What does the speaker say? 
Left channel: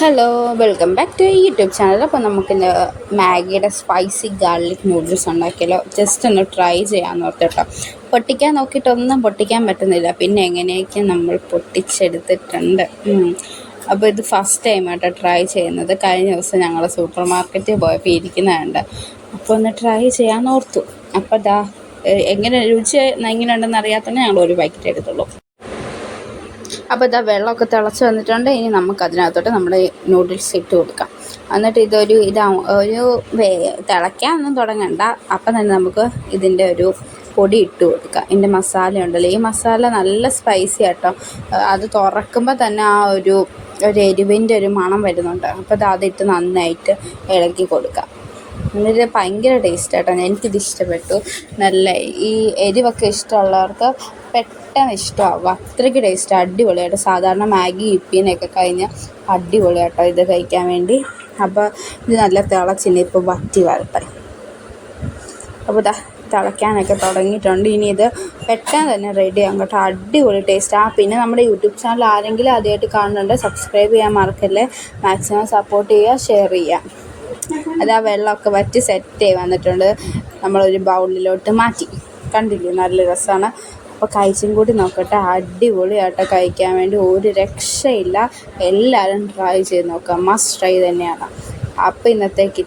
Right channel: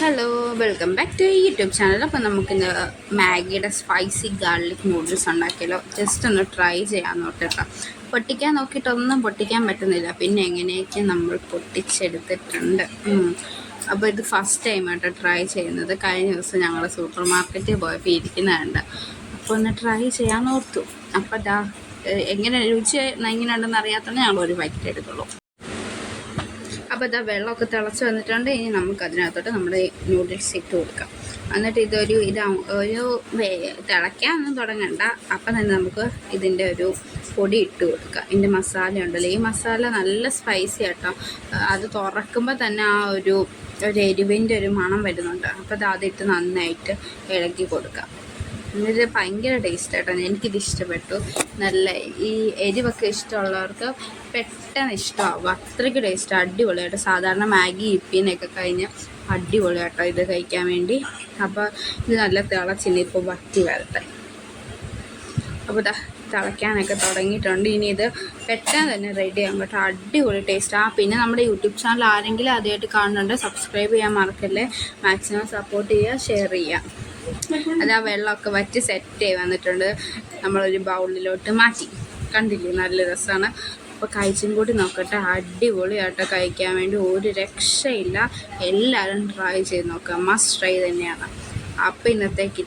Hello, welcome back to YouTube channel. അപ്പോൾ നമുക്കിന്ന് മാഗിയുടെ സ്പൈസി ഗാർലിക് നൂഡിൽസ് ഉണ്ടാക്കിയാലോ? ജസ്റ്റ് ഒന്ന് ട്രൈ ചെയ്യാൻ നോക്കിട്ടോ. പൊട്ടിക്കാൻ നോക്കിയിട്ടൊന്നും പൊട്ടിക്കാൻ പറ്റുന്നില്ല, പിന്നെ എങ്ങനെയൊക്കെ നമ്മൾ പൊട്ടിച്ചെടുത്തിട്ടുണ്ട്. അപ്പോൾ ഇത് ഫസ്റ്റ് ടൈം ആട്ടോ ട്രൈ ചെയ്യുന്നത്. കഴിഞ്ഞ ദിവസം ഞങ്ങൾ സൂപ്പർ മാർക്കറ്റിൽ പോയപ്പോൾ ഇരിക്കുന്നതുണ്ട്, അപ്പോൾ ഒന്ന് ട്രൈ ചെയ്യാൻ ഓർത്തു. അപ്പോൾ എങ്ങനെ രുചി എങ്ങനെയുണ്ടെന്ന് അറിയാത്തതുകൊണ്ട് ഞങ്ങൾ ഒരു പാക്കറ്റ് എടുത്തുള്ളൂ. അപ്പോൾ ഇതാ വെള്ളമൊക്കെ തിളച്ച് വന്നിട്ടുണ്ട്. ഇനി നമുക്കതിനകത്തോട്ട് നമ്മുടെ നൂഡിൽസ് ഇട്ട് കൊടുക്കാം. എന്നിട്ട് ഒരു തിളയ്ക്കാനൊന്നും തുടങ്ങണ്ട. അപ്പം തന്നെ നമുക്ക് ഇതിൻ്റെ ഒരു പൊടി ഇട്ട് കൊടുക്കാം. ഇതിൻ്റെ മസാല ഉണ്ടല്ലോ, ഈ മസാല നല്ല സ്പൈസി ആട്ടോ. അത് തുറക്കുമ്പോൾ തന്നെ ആ ഒരു എരിവിൻ്റെ ഒരു മണം വരുന്നുണ്ട്. അപ്പോൾ അതിട്ട് നന്നായിട്ട് ഇളക്കി കൊടുക്കാം. എന്നിട്ട് ഭയങ്കര ടേസ്റ്റ് ആട്ടോ. എനിക്കിത് ഇഷ്ടപ്പെട്ടു. നല്ല ഈ എരിവൊക്കെ ഇഷ്ടമുള്ളവർക്ക് പെട്ടെന്ന് ഇഷ്ടമാവും. അത്രയ്ക്ക് ടേസ്റ്റ്, അടിപൊളിയായിട്ട്. സാധാരണ മാഗി ഇപ്പിന്നൊക്കെ കഴിഞ്ഞ് അടിപൊളിയാട്ടോ ഇത് കഴിക്കാൻ വേണ്ടി. അപ്പോൾ ഇത് നല്ല തിളച്ചിനി ഇപ്പോൾ വറ്റി വരട്ടെ. അപ്പോൾ തിളയ്ക്കാനൊക്കെ തുടങ്ങിയിട്ടുണ്ട്. ഇനി ഇത് പെട്ടെന്ന് തന്നെ റെഡി ആകും കേട്ടോ. അടിപൊളി ടേസ്റ്റ്. പിന്നെ നമ്മുടെ യൂട്യൂബ് ചാനൽ ആരെങ്കിലും ആദ്യമായിട്ട് കാണുന്നുണ്ട്, സബ്സ്ക്രൈബ് ചെയ്യാൻ മറക്കല്ലേ. മാക്സിമം സപ്പോർട്ട് ചെയ്യുക, ഷെയർ ചെയ്യുക. അത് ആ വെള്ളമൊക്കെ വറ്റി സെറ്റായി വന്നിട്ടുണ്ട്. നമ്മളൊരു ബൗളിലോട്ട് മാറ്റി. കണ്ടില്ലേ, നല്ല രസമാണ്. അപ്പോൾ കഴിച്ചും കൂടി നോക്കട്ടെ. അടിപൊളിയായിട്ട് കഴിക്കാൻ വേണ്ടി ഒരു രക്ഷയില്ല. എല്ലാവരും ട്രൈ ചെയ്ത് നോക്കുക, മസ്റ്റ് ട്രൈ തന്നെയാണ്. അപ്പോൾ ഇന്നത്തേക്ക്